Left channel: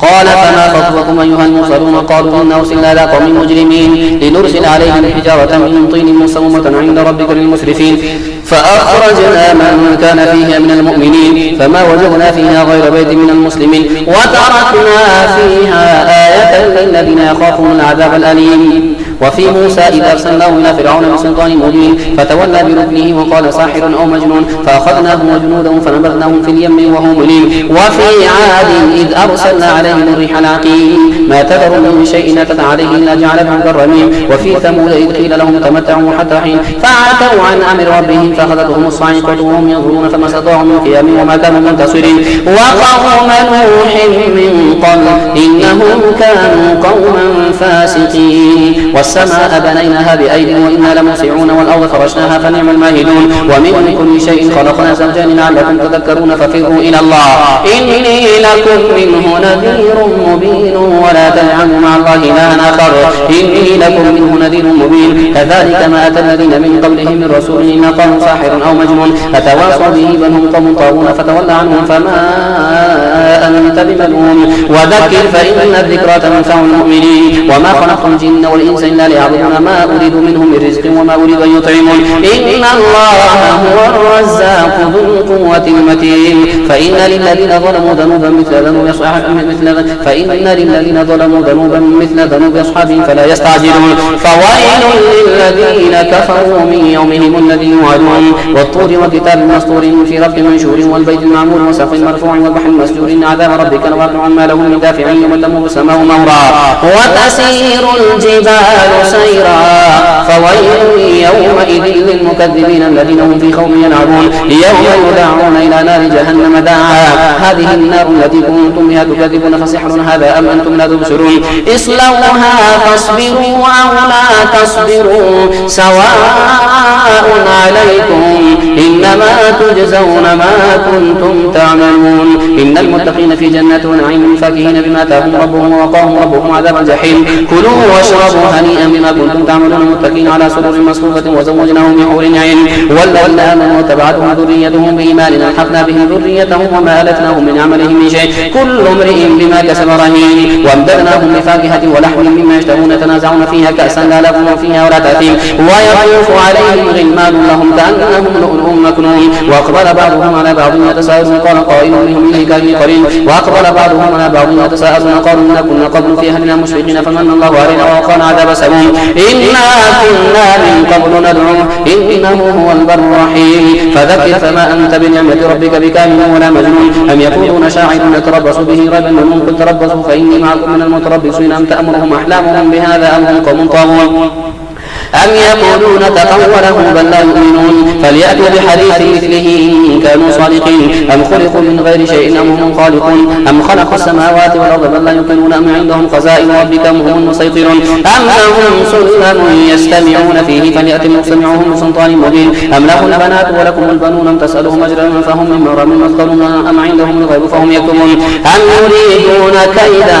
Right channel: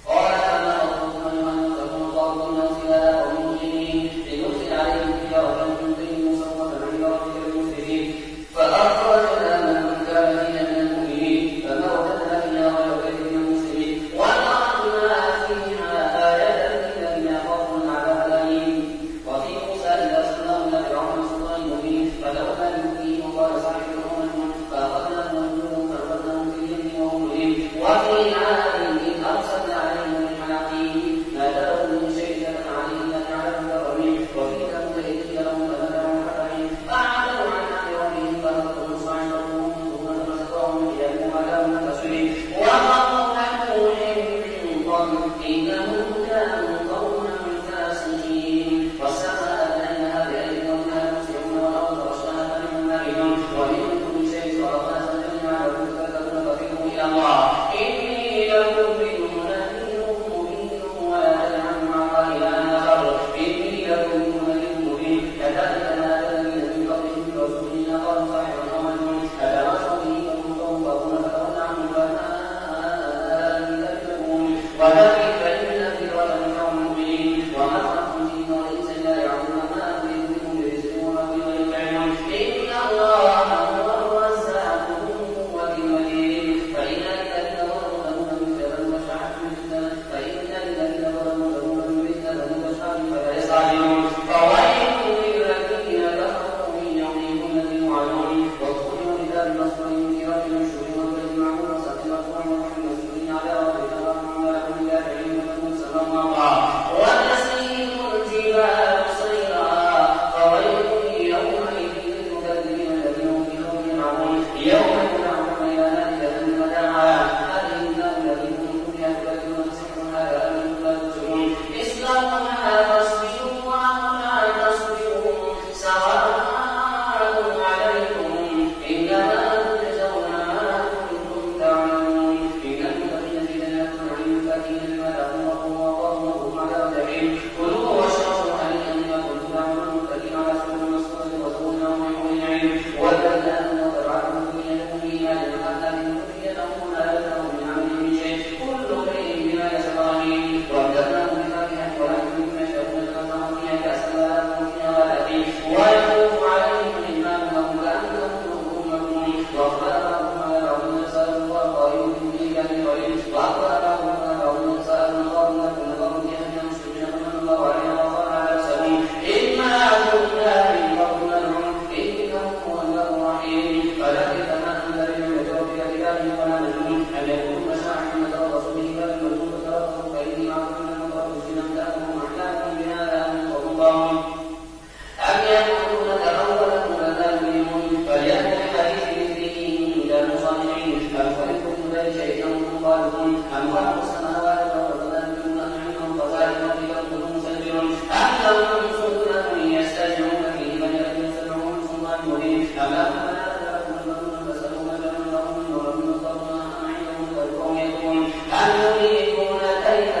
قال فما خطبكم أيها المرسلون؟ قالوا إنا أرسلنا إلى قوم مجرمين لنرسل عليهم حجارة من طين مسومة عند ربك للمسرفين فأخرجنا من كان فيها من المؤمنين فما وجدنا فيها غير بيت من المسلمين وتركنا فيها آية للذين يخافون العذاب الأليم. وفي موسى إذا أرسلناه إلى فرعون بسلطان مبين فتولى بركنه وقال ساحر أو مجنون فأخذناه وجنوده فنبذناهم في اليم وهم مليم. وفي عاد إذ أرسلنا عليهم الريح العقيم ما تذر من شيء أتت عليه إلا جعله كالرميم. وفي ثمود إذ قيل لهم تمتعوا حتى حين فعتوا عن أمر ربهم فأخذتهم الصاعقة وهم ينظرون فما استطاعوا من قيام وما كانوا منتصرين. وقوم نوح من قبل إنهم كانوا قوما فاسقين. والسماء بنيناها بأيد وإنا لموسعون والأرض فرشناها فنعم الماهدون. ومن كل شيء خلقنا زوجين لعلكم تذكرون ففروا إلى الله إني لكم منه نذير مبين ولا تجعلوا مع الله إلها آخر إني لكم منه نذير مبين. كذلك ما أتى الذين من قبلهم من رسول إلا قالوا ساحر أو مجنون أتواصوا به بل هم قوم طاغون فتولى عنهم فما أنت بملوم وذكر فإن الذكرى تنفع المؤمنين. وما خلقت الجن والإنس إلا ليعبدون ما أريد منهم من رزق وما أريد أن يطعمون إن الله هو الرزاق ذو القوة المتين. فإن للذين ظلموا ذنوبا مثل ذنوب أصحابهم فلا يستعجلون. فويل للذين كفروا من يومهم الذي يوعدون والطور وكتاب مسطور في رق منشور والبيت المعمور وسقف مرفوع والبحر المسجور إن عذاب ربك لواقع ما له من دافع يوم تمور السماء مهرا وتسير الجبال سيرا. فويل يومئذ للمكذبين الذين هم في خوف يلعبون يوم يدعون إلى نار جهنم دعا هذه النار التي كنتم بها تكذبون فسحر هذا أم أنتم لا تبصرون اصلوها فاصبروا أو لا تصبروا سواء عليكم إنما تجزون ما كنتم تعملون. إن المتقين في جنات ونعيم فاكهين بما آتاهم ربهم ووقاهم ربهم عذاب الجحيم. كلوا واشربوا هنيئا بما كنتم تعملون متكئين على سرر مصفوفة وزوجناهم بحور عين والذين آمنوا وتبعتهم ذريتهم بإيمان ألحقنا بهم ذريتهم وما ألتناهم من عملهم من شيء كل امرئ بما كسب رهين. وامددناهم بفاكهة ولحم مما يشتهون يتنازعون فيها كأسا لا لغو فيها ولا تأثيم ويطوف عليهم غلمان لهم كأنهم لؤلؤ مكنون. وأقبل بعضهم على بعض يتساءلون قال قائل منهم إليك قريب وأقبل بعضهم على بعض يتساءلون قالوا إنا كنا قبل في أهلنا مشفقين فمن الله علينا ووقانا عذاب سموم إنا كنا من قبل ندعوه إنه هو البر الرحيم. فذكر فما أنت بنعمة ربك بكامل ولا مجنون أم يقولون شاعر نتربص به ريب المنون قل تربصوا فإني معكم من المتربصين أم تأمرهم أحلامهم بهذا أم هم قوم طاغون أم يقولون تقوله بل لا يؤمنون فليأتوا بحديث مثله إن كانوا صادقين. أم خلقوا من غير شيء أم هم خالقون أم خلقوا السماوات والأرض بل لا يوقنون أم عندهم خزائن ربك أم هم المسيطرون أم لهم سلم يستمعون فيه فليأتوا مستمعهم بسلطان مبين أم لهم البنات ولكم البنون أم تسألهم أجرا فهم من مغرم مثقلون أم عندهم الغيب فهم يكتبون أم يريدون كيدا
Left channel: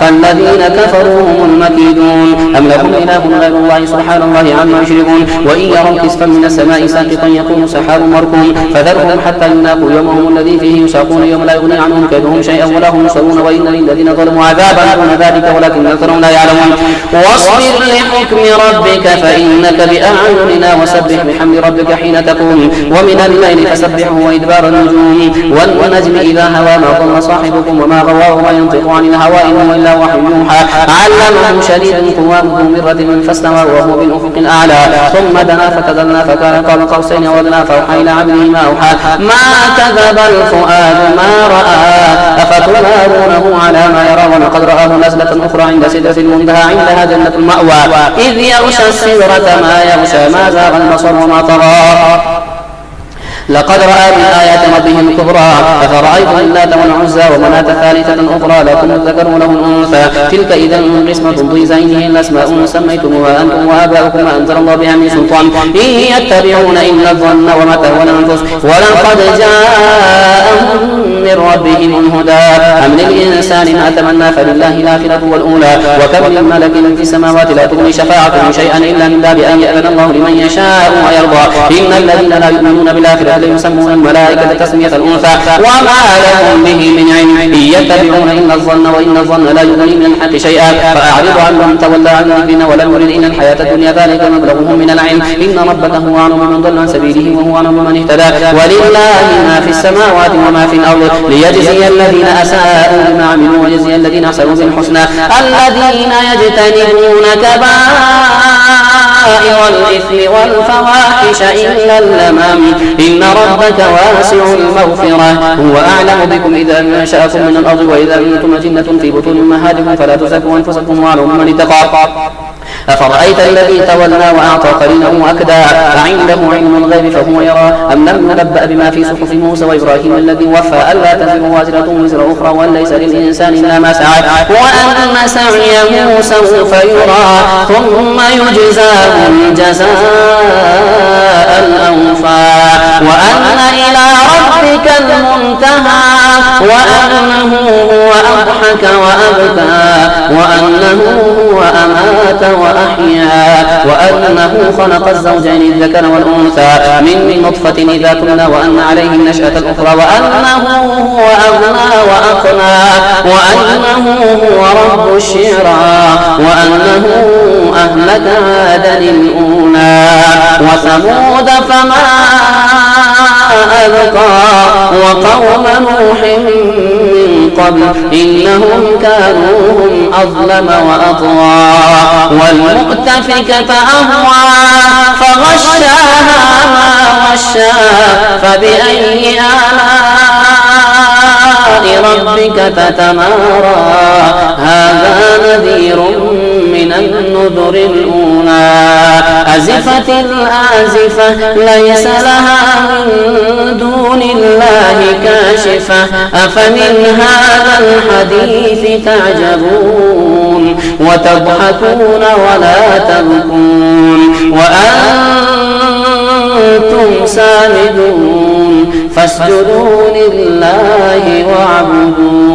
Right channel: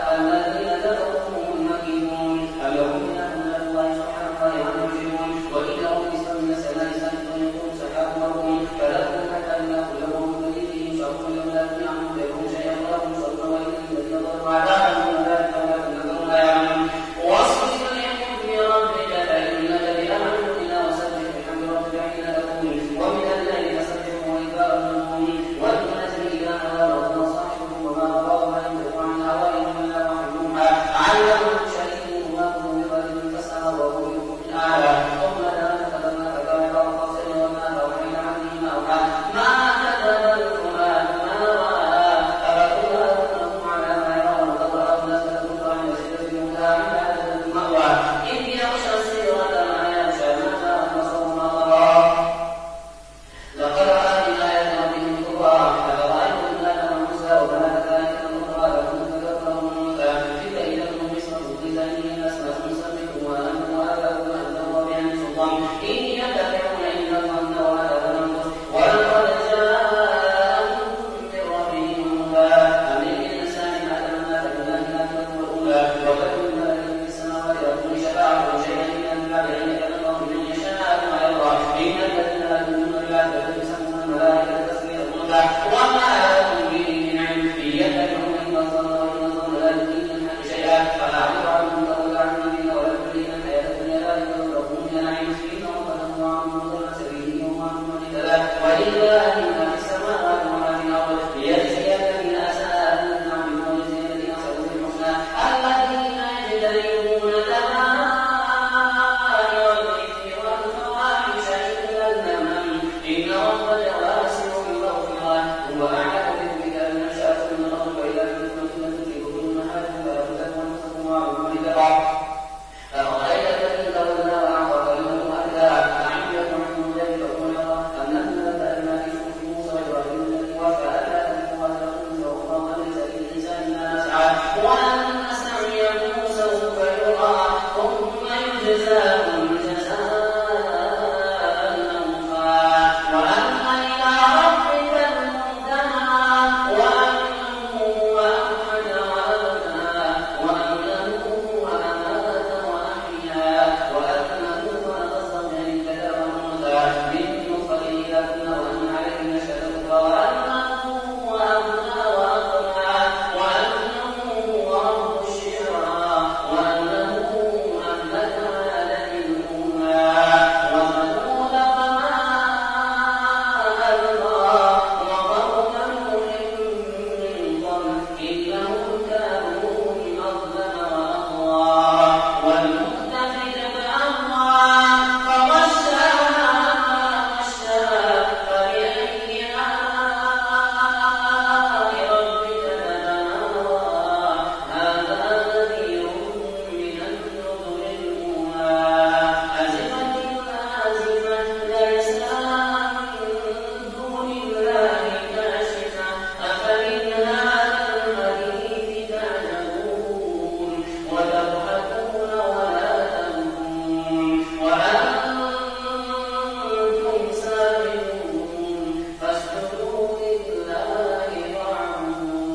فالذين كفروا هم المكيدون أم لهم إله غير الله سبحانه الله عما يشركون. وإن يروا كسفا من السماء ساقطا يكون سحاب مركوم فذرهم حتى يلاقوا يومهم الذي فيه يساقون يوم لا يغني عنهم كيدهم شيئا ولا هم ينصرون. وإن للذين ظلموا عذابا دون ذلك ولكن أكثرهم لا يعلمون. واصبر لحكم ربك فإنك بأعيننا وسبح بحمد ربك حين تقوم ومن الليل فسبحه وإدبار النجوم والنجم إذا هوى ما ضل صاحبكم وما غوى وما ينطق عن الهوى إن هو إلا وحي يوحى علمه شديد القوى ذو مرة فاستوى وهو بالأفق الأعلى ثم دنا فتدلى فكان قاب قوسين أو أدنى فأوحى إلى عبده ما أوحى ما كذب الفؤاد ما رأى أفتمارونه على ما يرى ولقد رآه نزلة أخرى عند سدرة المنتهى عندها جنة المأوى إذ يغشى السدرة ما يغشى ما زاغ البصر وما طغى لقد رأى من آيات ربه الكبرى أفرأيتم اللات والعزى ومناة الثالثة الأخرى لكم الذكر وله الأنثى تلك إذا قسمة ضيزى إن هي الأسماء سميتموها أنتم وآباؤكم ما أنزل الله بها من سلطان إن يتبعون إلا الظن وما تهوى الأنفس ولقد جاءهم من ربهم الهدى أم للإنسان ما تمنى فلله الآخرة والأولى وكم من ملك في السماوات لا تغني شفاعتهم شيئا إلا من باب أن يأذن الله لمن يشاء ويرضى إن الذين لا يؤمنون بالآخرة الرجال يسمون الملائكة تسمية الأنثى وما لهم به من علم إن يتبعون إلا الظن وإن الظن لا يغني من الحق شيئا فأعرض عنهم تولى عن ذكرنا ولم يرد إلا الحياة الدنيا ذلك مبلغهم من العلم إن ربك هو أعلم بمن ضل عن سبيله وهو أعلم بمن اهتدى ولله ما في السماوات وما في الأرض ليجزي الذين أساءوا بما عملوا ويجزي الذين أحسنوا بالحسنى الذين يجتنبون كبائر الإثم والفواحش إلا اللمم إن ربك واسع المغفرة هو أعلم بكم إذا أنشأكم من الأرض وإذا أنتم أجنة في بطون أمهاتكم فلا تزكوا أنفسكم وأعلموا من اتقى أفرأيت الذي تولى وأعطى قليلا وأكدى أعنده علم الغيب فهو يرى أم لم ينبأ بما في صحف موسى وإبراهيم الذي وفى ألا تزر وازرة وزر أخرى وأن ليس للإنسان إلا ما سعى وأن سعيه سوف يرى ثم يجزاه الجزاء الأوفى وأن إلى ربك المنتهى وأنه هو أضحك وأبكى وأنه هو أمات وأحيا وأنه خلق الزوجين الذكر والأنثى من نطفة إذا تمنى وأن عليه النشأة الأخرى وأنه هو أغنى وأقنى وأنه هو رب الشعرى وأنه أهلك عادا الأولى وثمود فما أبقى وقوم نوح قبل إنهم كانوا هم أظلم وأطغى والمؤتفكة أهوى فغشاها ما غشى فبأي آلاء ربك تتمارى هذا نذير من النذر الأولى أزفت الآزفة ليس لها من دون الله كاشفة أفمن هذا الحديث تعجبون وتضحكون ولا تبكون وأنتم سامدون فاسجدوا لله واعبدوا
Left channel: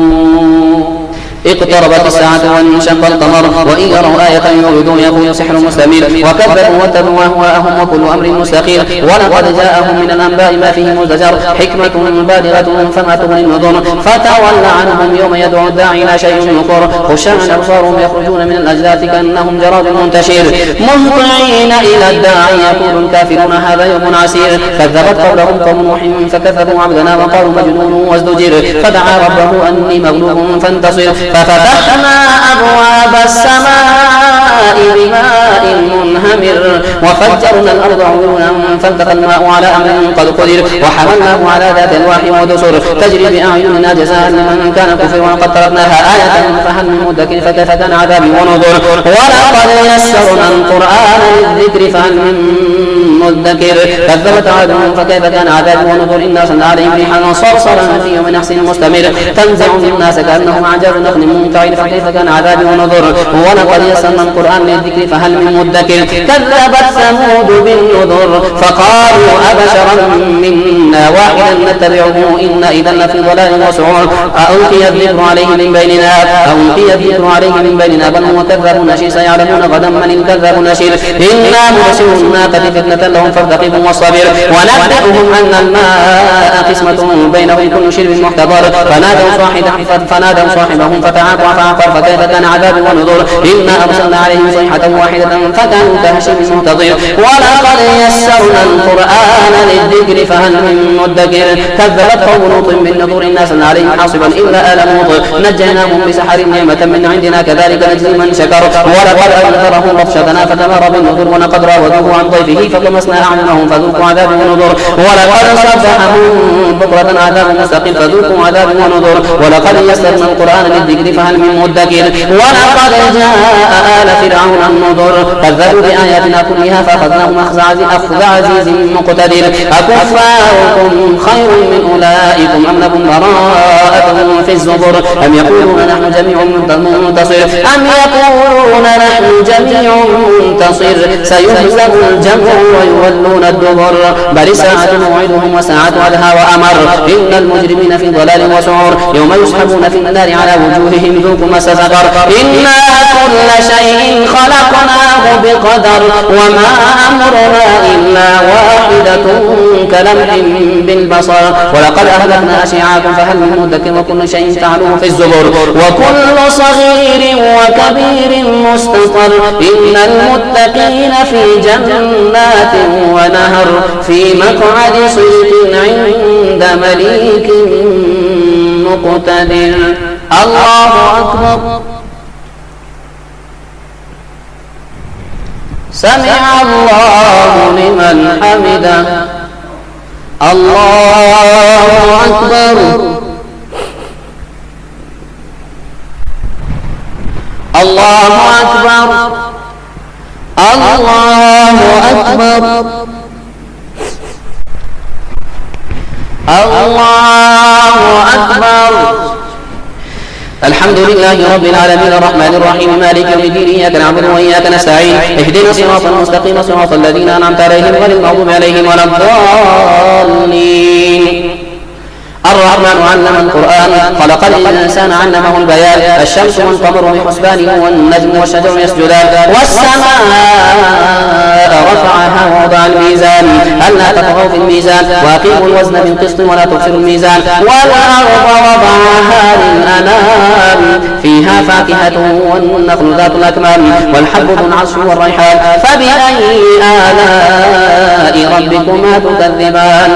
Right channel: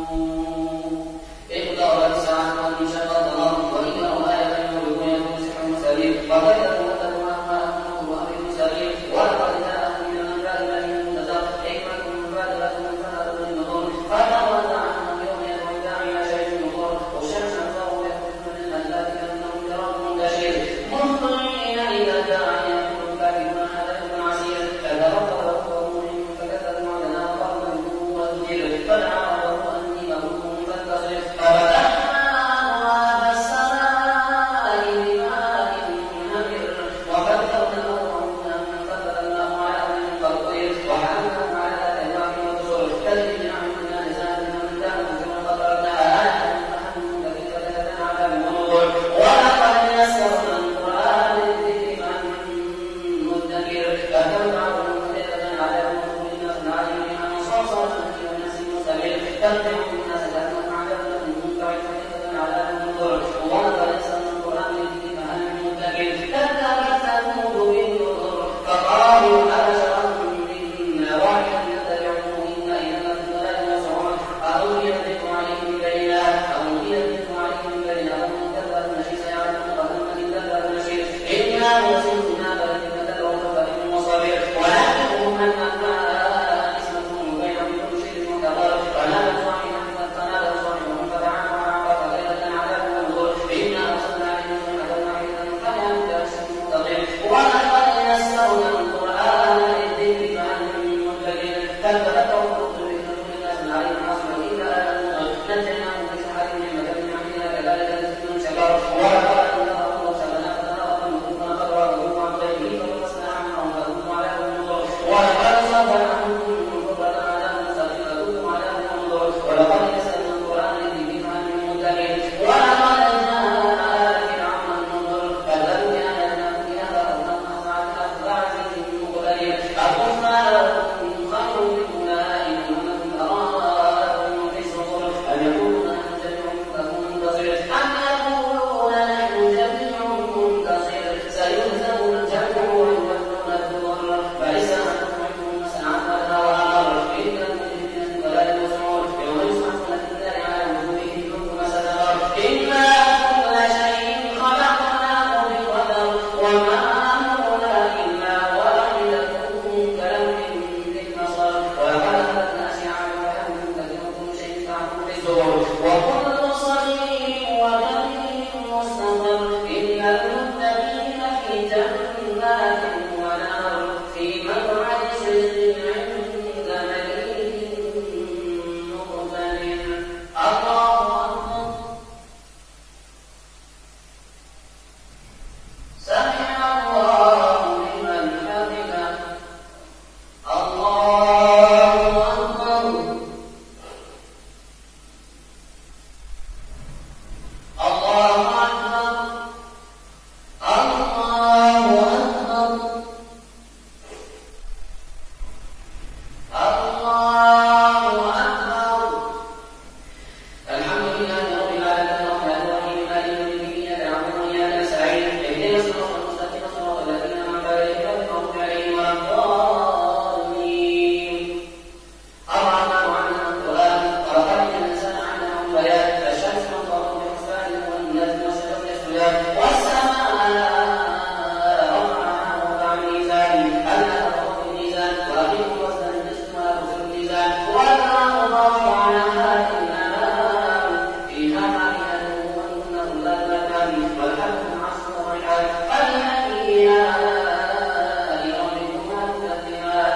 اقتربت الساعة وانشق القمر وإن يروا آية يعرضون يقول سحر مستمر وكذبوا واتبعوا أهواءهم وكل أمر مستقير ولقد جاءهم من الأنباء ما فيه مزدجر حكمة بالغة فما تغني النذر فتول عنهم يوم يدعو الداعي إلى شيء نكر خشعا أبصارهم يخرجون من الأجداث كأنهم جراد منتشر مهطعين إلى الداعي يقول الكافرون هذا يوم عسير كذبت قبلهم قوم نوح فكذبوا عبدنا وقالوا مجنون وازدجر فدعا ربه أني مغلوب فانتصر ففتحنا أبواب السماء بماء منهمر وفجرنا الأرض عيونا فالتقى الماء على أمر قد قدر وحملناه على ذات ألواح ودسر تجري بأعيننا جزاء لمن كان كفر وقد تركناها آية فهل من مدكر فكيف كان عذابي ونذر ولقد يسرنا القرآن للذكر فهل من مدكر كذبت عاد فكيف كان عذابي ونذر إنا أرسلنا عليهم ريحا صرصرا في يوم نحس مستمر تنزع الناس كأنهم أعجاز نخل منقعر فكيف كان عذابي ونذر ولقد يسرنا القرآن للذكر فهل من مدكر كذبت ثمود بالنذر فقالوا أبشرا منا واحدا نتبعه إنا إذا لفي ضلال وسعور ألقي الذكر عليه من بيننا بل هو كذاب نشير سيعلمون غدا من الكذاب نشير إنا مرسل الناقة فتنة لهم فارتقبوا واصطبر ونبئهم أن الماء قسمة بينهم كل شرب محتضر فنادوا صاحبهم فتعاطى فعقر فكيف كان عذابي ونذر إنا أرسلنا عليهم صيحة واحدة فكانوا كهشيم المهتضر ولقد يسرنا القرآن للذكر فهل من مدكر كذبت قوم لوط بالنذر إنا أرسلنا عليهم حاصبا إلا آل لوط نجيناهم بسحر نعمة من عندنا كذلك نجزي من شكر ولقد أنذرهم بطشتنا فتمارى بالنذر ولقد راودوه عن ضيفه فطمسنا أعينهم فذوقوا عذاب ونذر ولقد صبحهم بكرة عذاب مستقيم فذوقوا عذاب ونذر ولقد يسرنا القرآن للذكر فهل من مدكر ولقد جاء آل فرعون النذر كذبوا بآياتنا كلها فأخذناهم أخذ عزيز مقتدر أكفاركم خير من أولئكم أم لكم براءة في الزبر أم يقولون نحن جميع منتصر سيهزم الجمع ويولون الدبر بل الساعة موعدهم وساعة أدهى وأمر إن المجرمين في ضلال وسعر يوم يسحبون في النار على وجوههم ذوقوا مس سقر إنا كل شيء خلقناه بقدر وما أمرنا إلا واحدة كلمح بالبصر ولقد أهلكنا أشياعكم فهل من مدكر وكل شيء فعلوه في الزبر وكل صغير وكبير مستقر إن المتقين في جنات ونهر في مقعد صدق عند مليك مقتدر. الله أكبر. سمع الله لمن حمده. الله أكبر. الله أكبر. الله أكبر. الله أكبر. الحمد لله رب العالمين الرحمن الرحيم مالك يوم الدين إياك نعبد وإياك نستعين اهدنا الصراط المستقيم صراط الذين أنعمت عليهم غير المغضوب عليهم ولا الضالين. الرحمن علم القرآن خلق الإنسان علمه البيان الشمس والقمر بحسبان والنجم والشجر يسجدان والسماء رفعها ووضع الميزان ألا تطغوا في الميزان وأقيموا الوزن بالقسط ولا تخسروا الميزان والأرض وضعها للأنام فيها فاكهة والنخل ذات الأكمام والحب ذو العصف والريحان فبأي آلاء ربكما تكذبان.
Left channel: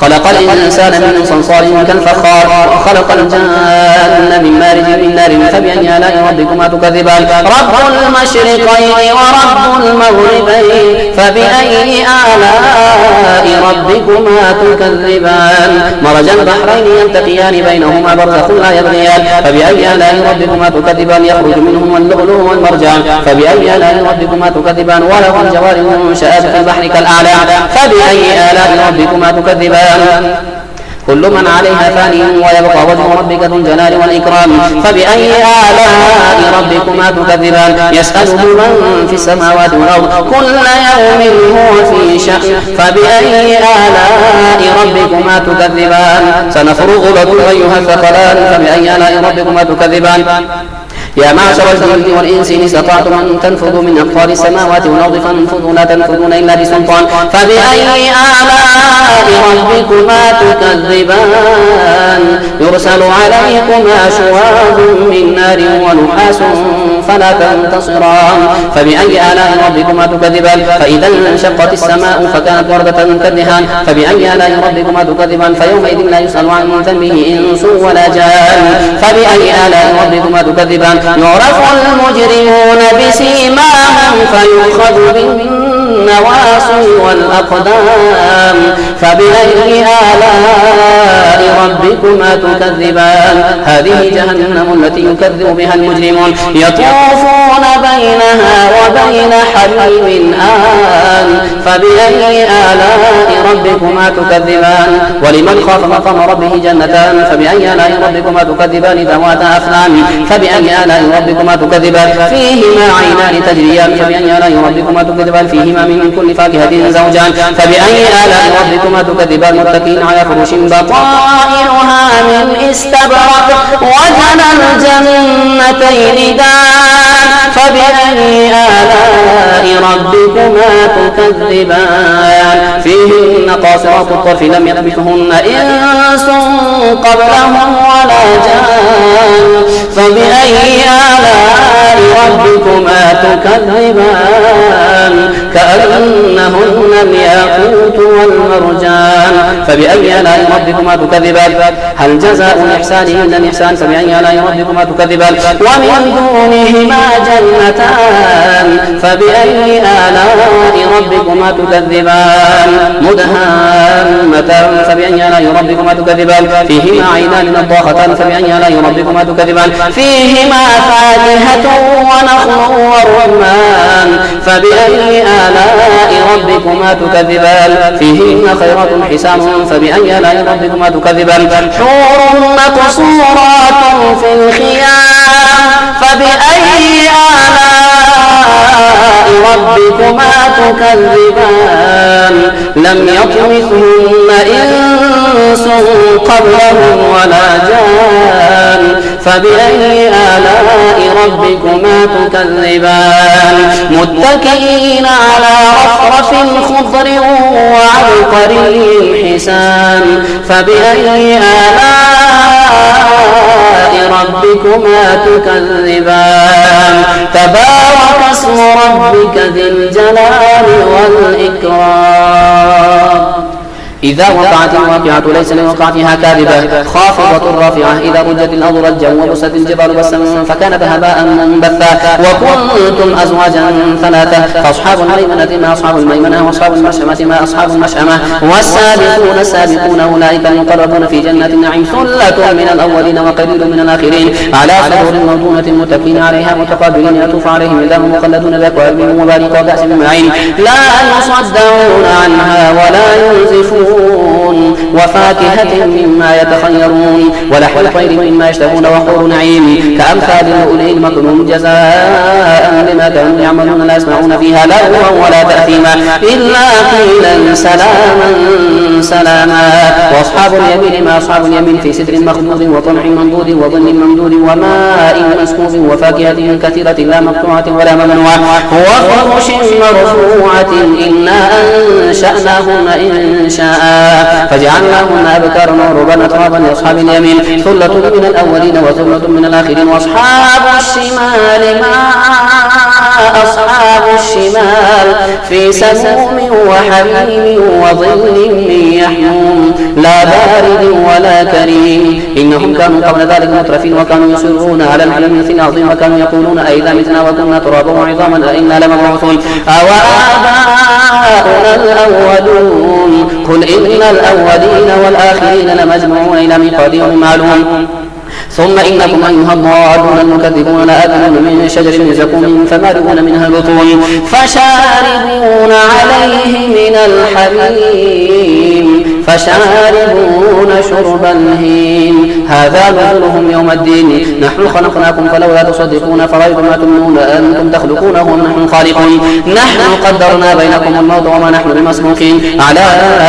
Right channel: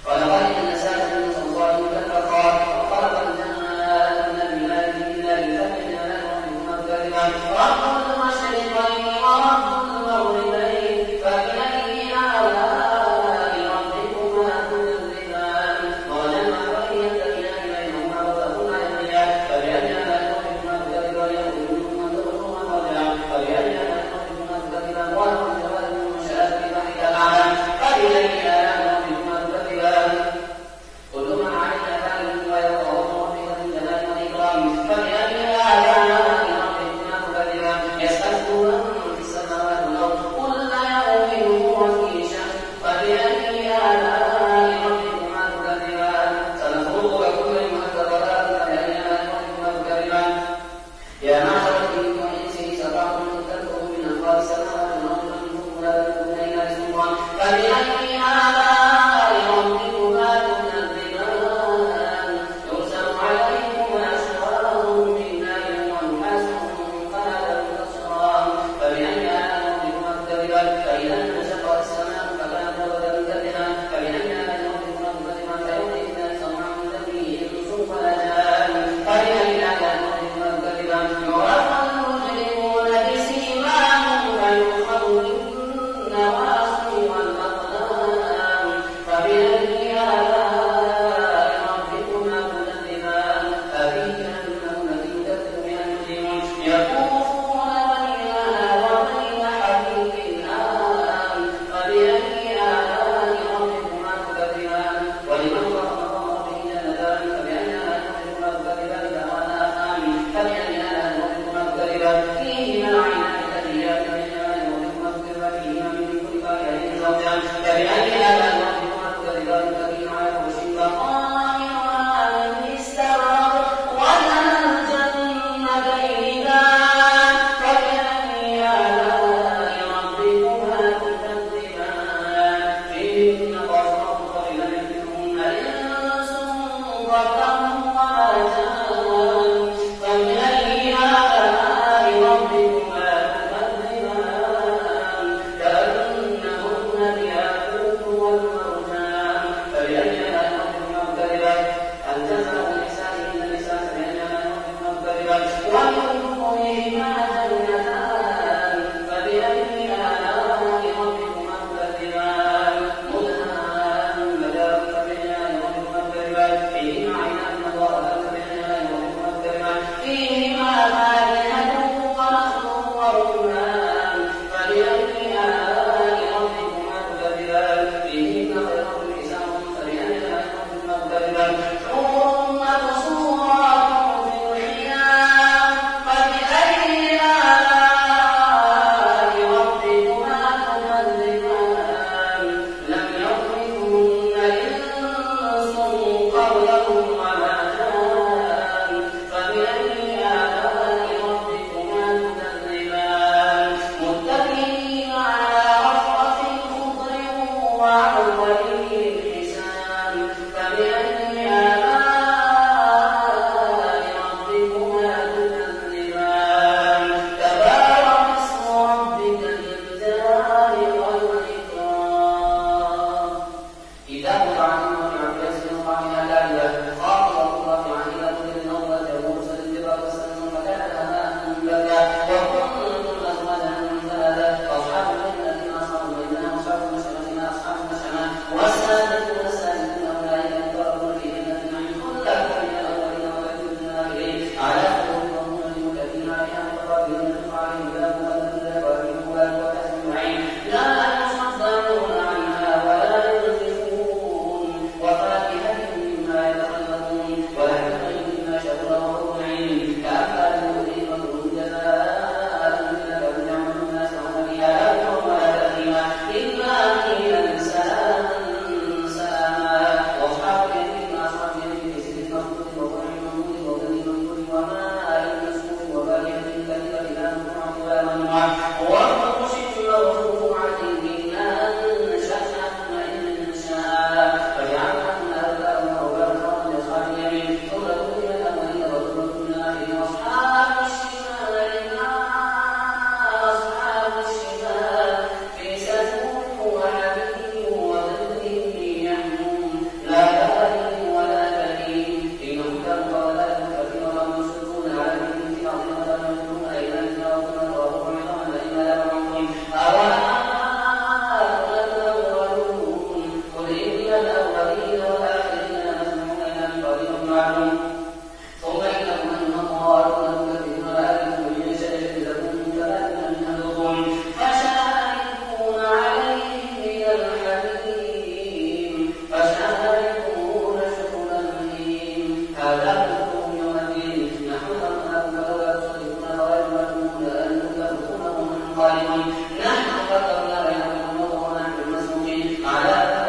خلق الإنسان من صلصال كالفخار وخلق الجان من مارج من نار فبأي آلاء ربكما تكذبان. رب المشرقين ورب المغربين فبأي آلاء ربكما تكذبان. مرج البحرين يلتقيان بينهما برزخ لا يبغيان فبأي آلاء ربكما تكذبان. يخرج منهما اللؤلؤ والمرجان فبأي آلاء ربكما تكذبان. وله الجوار المنشآت في البحر كالأعلام فبأي آلاء ربكما تكذبان. كل من عليها فان ويبقى وجه ربك ذو الجلال والإكرام فبأي آلاء ربكما تكذبان. يسأله من في السماوات والأرض كل يوم هو في شأن فبأي آلاء ربكما تكذبان. سنفرغ لكم أيها الثقلان فبأي آلاء ربكما تكذبان. يا معشر الجن والإنس إن استطعتم أن تنفذوا من أقطار السماوات والأرض فانفذوا لا تنفذون إلا بسلطان فبأي آلاء ربكما تكذبان. يرسل عليكما شواظ من نار ونحاس فلا تنتصران فبأي آلاء ربكما تكذبان. فإذا انشقت السماء فكانت وردة كالدهان فبأي آلاء ربكما تكذبان. فيومئذ لا يسأل عن ذنبه إنس ولا جان فبأي آلاء ربكما تكذبان. يعرف المجرمون بسيماهم فيؤخذ بالنواصي والأقدام فبأي آلاء ربكما تكذبان. هذه جهنم التي يكذب بها المجرمون يطوفون بينها وبين حميم آن فبأي آلاء ربكما تكذبان. ولمن خاف مقام ربه جنتان فبأي آلاء ربكما تكذبان. ذواتا أفنان فبأي آلاء ربكما تكذبان. فيهما عينان تجريان فبأي آلاء ربكما تكذبان. فيهما من كل فاكهة زوجان فبأي آلاء ربكما تكذبان. متكئين على فرش بطائنها من استبرق وجنى الجنتين دان فبأي آلاء ربكما تكذبان. فيهن قاصرات الطرف لم يلبثهن إنس قبلهم ولا جان فبأي آلاء ربكما تكذبان. كأنهن الياقوت والمرجان فبأي آلاء ربكما تكذبان. هل جزاء الإحسان إلا الإحسان فبأي آلاء ربكما تكذبان. ومن دونهما جنتان فبأي آلاء ربكما تكذبان. مدهامتان فبأي آلاء ربكما تكذبان. فيهما عينان نضاختان فبأي آلاء ربكما تكذبان. فيهما فاكهة ونخل ورمان فبأي آلاء ربكما تكذبان. فيهن خيرات حسان فبأي آلاء ربكما تكذبان. حور مقصورات في الخيام فبأي آلاء ربكما تكذبان. لم يطمثهن إنس قبلهم ولا جان فبأي آلاء ربكما تكذبان متكئين على رفرف خضر وعبقري حسان فبأي آلاء ربكما تكذبان تبارك اسم ربك ذي الجلال والإكرام إذا وقعت الواقعة ليس لوقعتها كاذبة خافضة رافعة إذا رجت الأرض رجا وبست الجبال بسا فكانت هباء منبثا وكنتم أزواجا ثلاثة فأصحاب الميمنة ما أصحاب الميمنة وأصحاب المشأمة ما أصحاب المشأمة والسابقون السابقون أولئك المقربون في جنة النعيم ثلة من الأولين وقليل من الآخرين على سرور موضونة متكئين عليها متقابلين يطوف عليهم ولدان مخلدون بأكواب وبارك وكأس من معين لا يصدعون عنها ولا ينزفون وفاكهة مما يتخيرون ولحم طير مما يشتهون وحور نعيم كأمثال اللؤلؤ المكنون جزاء بما كانوا يعملون لا يسمعون فيها لغوا ولا تأثيما إلا قيلا سلاما سلاما وأصحاب اليمين ما أصحاب اليمين في سدر مخضود وطلح منضود وظل ممدود وماء مسكوب وفاكهة كثيرة لا مقطوعة ولا ممنوعة وفرش مرفوعة إنا أنشأناهن إن شاء فجعلناهن أبكارا وعربا أترابا لأصحاب اليمين ثلة من الأولين وثلة من الآخرين وأصحاب الشمال ما أصحاب الشمال في سموم وحميم وظل من يحموم لا بارد ولا كريم إنهم كانوا قبل ذلك مترفين وكانوا يصرون على الحنث العظيم وكانوا يقولون أئذا متنا وكنا ترابا وعظاما أئنا لمبعوثون أوآباؤنا الأولون قل إن الأولين والآخرين لمجموعون إلى ميقات يوم معلوم ثم إنكم أيها الضالون المكذبون لآكلون من شجر من زقوم فمالئون منها البطون فشاربون عليه من الحميم فشاربون شرب الهيم هذا نزلهم يوم الدين نحن خلقناكم فلولا تصدقون فرأيتم ما تمنون أنتم تخلقونه ونحن خالقون نحن قدرنا بينكم الموت وما نحن بمسبوقين على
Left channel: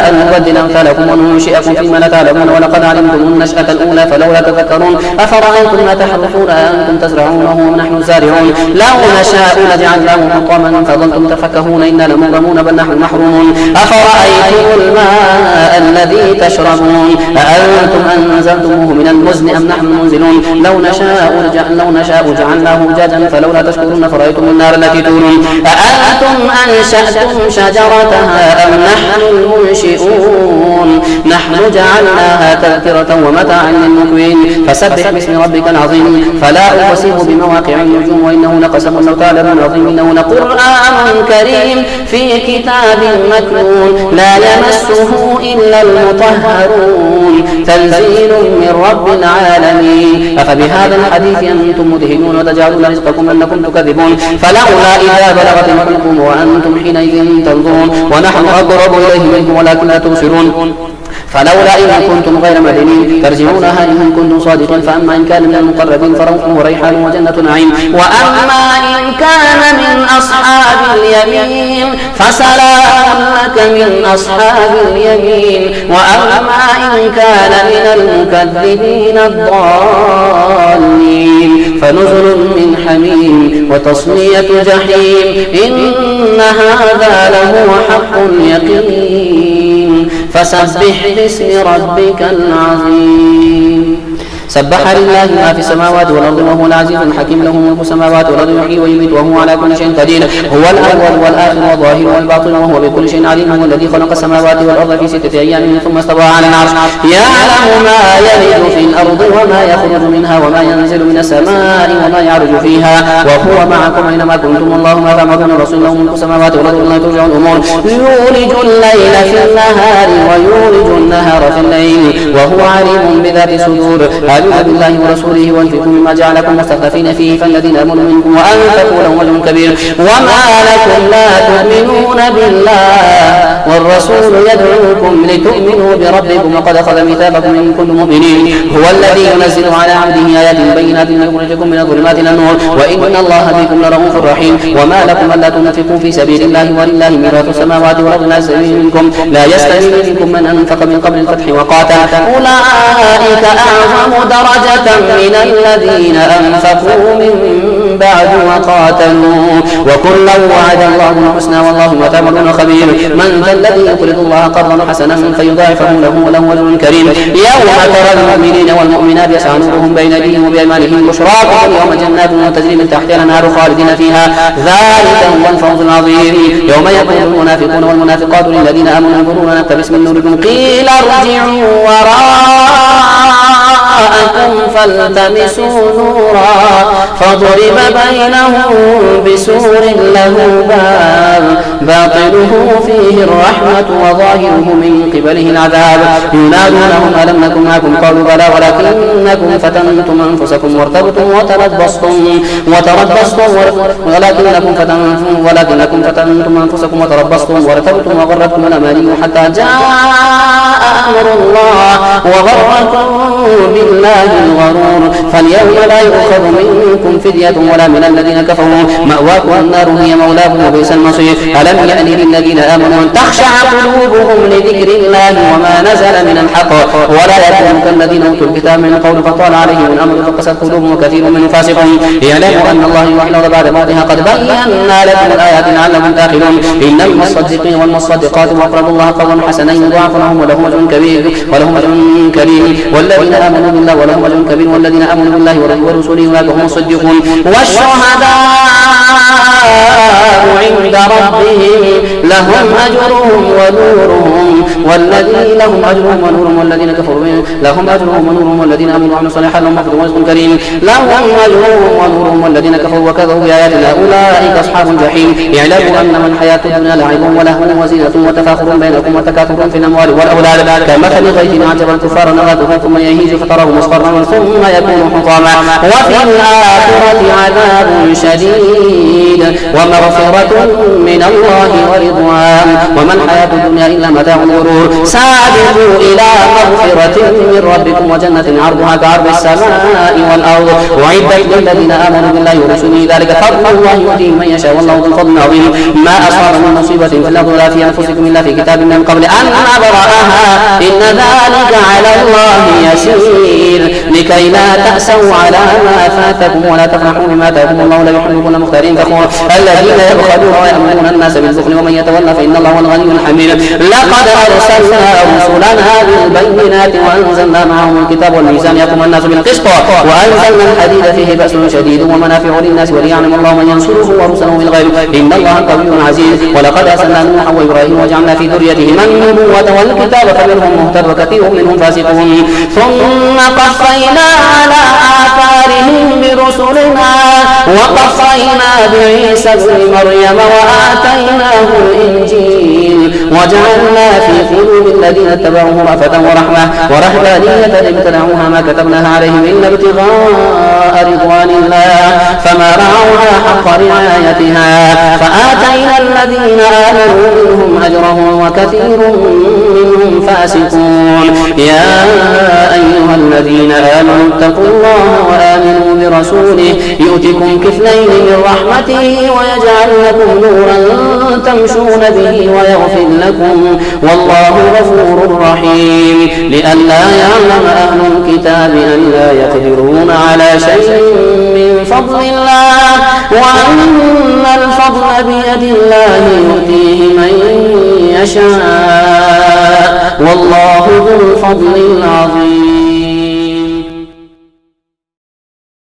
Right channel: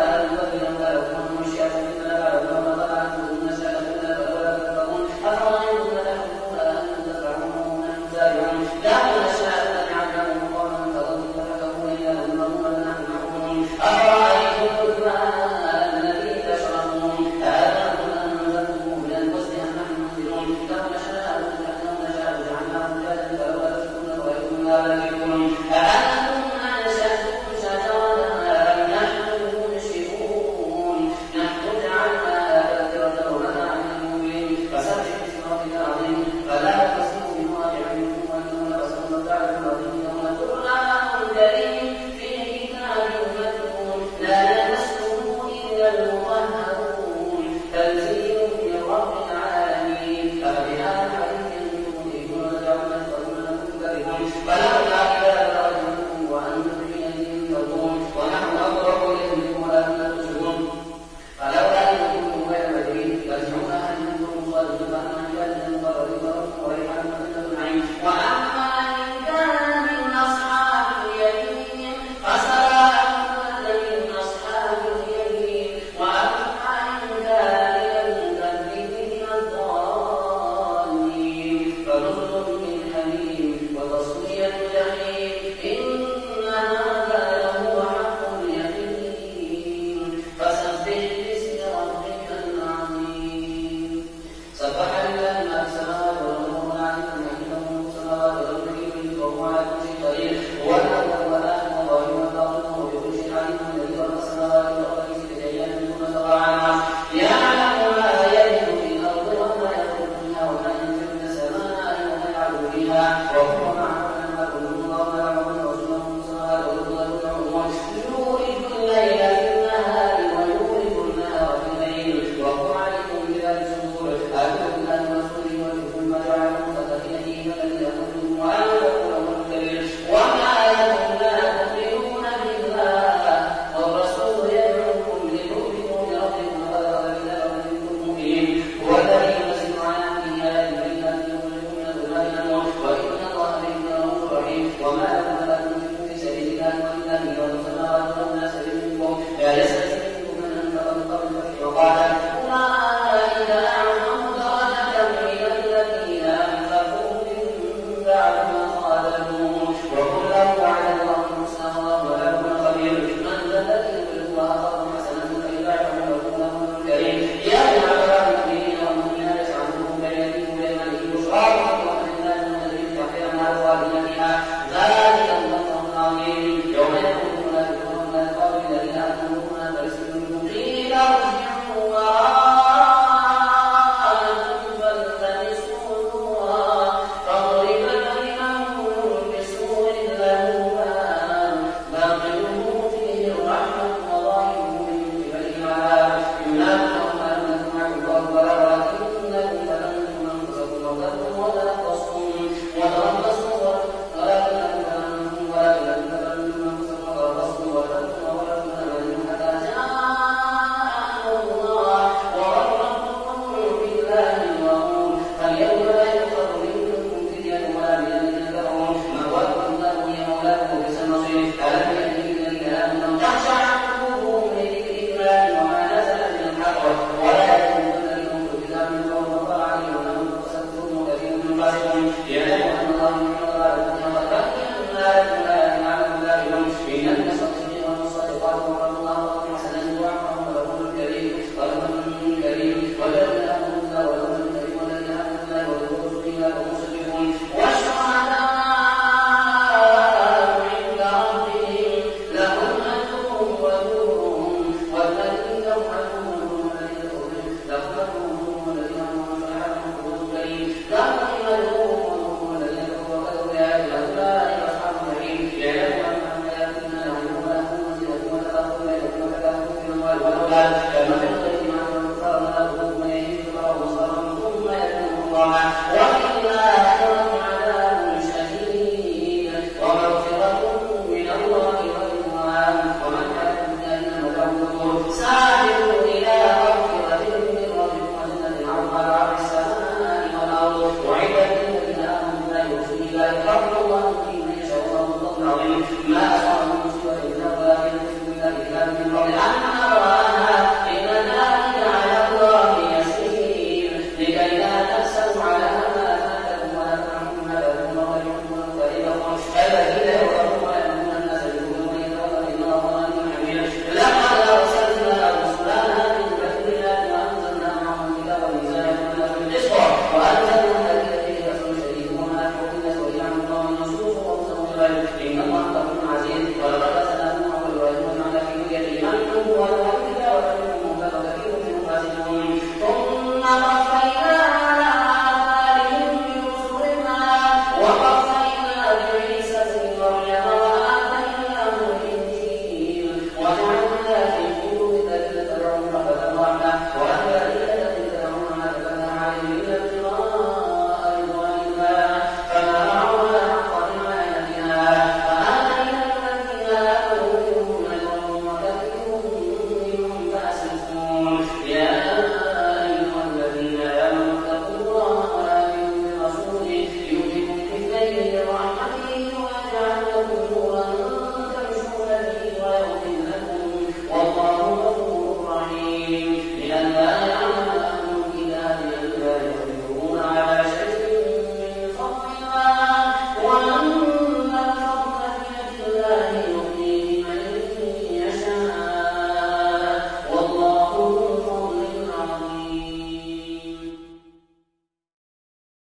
أن نبدل أمثالكم وننشئكم فيما لا تعلمون ولقد علمتم النشأة الأولى فلولا تذكرون أفرأيتم ما تحرثون أنتم تزرعونه ونحن زارعون لو نشاء لجعلناه حطاما فظلتم تفكهون إنا لمغرمون بل نحن محرومون أفرأيتم الماء الذي تشربون أأنتم أنزلتموه من المزن أم نحن المنزلون لو نشاء جعلناه أجاجا فلولا تشكرون فرأيتم النار التي تورون أأنتم أنشأتم شجرتها أم نحن المنشئون نحن جعلناها تذكرة ومتاعا للمقوين فسبح باسم ربك العظيم فلا أقسم بمواقع النجوم وإنه لقسم لو تعلمون عظيم إنه لقرآن كريم في كتاب مكنون لا يمسه إلا المطهرون تنزيل من رب العالمين أفبهذا الحديث أنتم مدهنون وتجعلون رزقكم أنكم تكذبون فلولا إذا بلغت الحلقوم وأنتم حينئذ تنظرون ونحن أقرب إليه منكم ولكن لا تبصرون فلولا إن كنتم غير مدينين ترجعونها إن كنتم صادقين فأما إن كان من المقربين فروح وريحان وجنة نعيم وأما إن كان من أصحاب اليمين فسلام لك من أصحاب اليمين وأما إن كان من المكذبين الضالين فنزل من حميم وتصلية جحيم إن هذا لهو حق اليقين فسبح باسم ربك العظيم سبح لله ما في السماوات والأرض وهو العزيز الحكيم له ملك السماوات والأرض يحيي ويميت وهو على كل شيء قدير هو الأول والآخر والظاهر والباطن وهو بكل شيء عليم هو الذي خلق السماوات والأرض في 6 أيام ثم استوى على العرش يعلم ما يلج في الأرض وما يخرج منها وما ينزل من السماء وما يعرج فيها وهو معكم أينما كنتم الله ما تعملون الرسول له ملك السماوات والأرض لا ترجع الأمور يولج الليل في النهار ويولج النهار في الليل وهو عليم بذات الصدور آمنوا بالله ورسوله وانفقوا مما جعلكم مستخلفين فيه فالذين آمنوا منكم وأنفقوا لهم أجر كبير وما لكم لا تؤمنون بالله والرسول يدعوكم لتؤمنوا بربكم وقد أخذ ميثاقكم إن كنتم مؤمنين هو الذي ينزل على عبده آيات بينات ليخرجكم من الظلمات إلى النور وإن الله بكم لرؤوف رحيم وما لكم ألا تنفقوا في سبيل الله ولله ميراث السماوات والأرض لا يستوي منكم من أنفق من قبل الفتح وقاتل أولئك أعظم درجة من الذين أنفقوا من بعد وقاتلوا وكلا وعد الله الحسنى والله بما تعملون خبير. من ذا الذي يقرض الله قرضا حسنا فيضاعفه له وله أجر كريم. يوم ترى المؤمنين والمؤمنات يسعى نورهم بين أيديهم وبأيمانهم بشراكم اليوم جنات تجري من تحتها الأنهار خالدين فيها ذلك هو الفوز العظيم. يوم يقول المنافقون والمنافقات للذين آمنوا انظرونا نقتبس من نوركم قيل ارجعوا وراءكم فالتمسوا نورا فضرب بينهم بسور له باب باطنه فيه الرحمة وظاهره من قبله العذاب. ينادونهم ألم نكن معكم قالوا بلى ولكنكم فتنتم أنفسكم وارتبتم وتربصتم ولكنكم فتنتم أنفسكم وتربصتم وارتبتم وغرتكم الأماني حتى جاء أمر الله وغركم بالله الغرور. فاليوم لا يؤخذ منكم فدية ولا من الذين كفروا مأواكم النار هي مولاكم وبئس المصير. ألم يأن للذين آمنوا أن تخشع قلوبهم لذكر الله وما نزل من الحق ولا يكونوا كالذين أوتوا الكتاب من قبل فطال عليهم الأمر فقست قلوبهم وكثير منهم فاسقون. اعلموا أن الله يحيي الأرض بعد موتها قد بينا لكم الآيات لعلكم تعقلون. إن المصدقين والمصدقات وأقرضوا الله قرضا حسنا يضاعف لهم ولهم أجر كريم والذين آمنوا بالله ولهم أجر كبير والذين آمنوا بالله ورسوله أولئك هم الصديقون والشهداء عند ربهم لهم أجرهم ونورهم والذين لهم أجرهم ونورهم والذين كفروا لهم أجرهم ونورهم والذين آمنوا وعملوا الصالحات لهم مغفرة ورزق كريم. لهم أجرهم ونورهم والذين كفروا وكذبوا بآياتنا أولئك أصحاب الجحيم. اعلموا أنما الحياة الدنيا لعب ولهو وزينة وتفاخر بينكم وتكاثر في الأموال والأولاد كمثل غيث أعجب الكفار نباته ثم يهيج فتراه مصفرا ثم يكون حطاما وفي الآخرة عذاب شديد ومغفرة من الله ورضوان وما الحياة الدنيا إلا متاع الغرور. سابقوا إلى مغفرة من ربكم وجنة عرضها كعرض السماء والأرض أعدت للذين آمنوا بالله ورسوله ذلك فضل الله يؤتيه من يشاء والله ذو الفضل العظيم. ما أصاب من مصيبة في الأرض ولا في أنفسكم إلا في كتاب من قبل أن نبرأها إن ذلك على الله يسير لكي لا تأسوا على ما فاتكم ولا تفرحوا بما آتاكم الله لا يحب كل مختار فخور. الذين يبخلون ويأمرون الناس بالبخل ومن يتولى فإن الله هو الغني الحميد. لقد أرسلنا رسلنا بالبينات وأنزلنا معهم الكتاب والميزان يقوم الناس بالقسط وأنزلنا الحديد فيه بأس شديد ومنافع للناس وليعلم الله من ينصره ورسله بالغيب إن الله قوي عزيز. ولقد أرسلنا نوحا وإبراهيم وجعلنا في ذريتهما النبوة والكتاب فمنهم مهتد وكثير منهم فاسقون. ثم قفينا على آثارهم برسلنا وقفينا بعيسى ابن مريم وآتيناه الإنجيل وجعلنا في قلوب الذين اتبعوه رأفة ورحمة ورهبانية ابتدعوها ما كتبناها عليهم إلا ابتغاء رضوان الله فما رعوها حق رعايتها فآتينا الذين آمنوا منهم أجرهم وكثير منهم فاسقون. يا أيها الذين آمنوا اتقوا الله وآمنوا برسوله يؤتكم كفلين من رحمته ويجعل لكم نورا تمشون به ويغفر لكم والله غفور رحيم. لئلا يعلم أهل الكتاب أن لا يقدرون على شيء من فضل الله وأن الفضل بيد الله يؤتيه من يشاء والله ذو الفضل العظيم.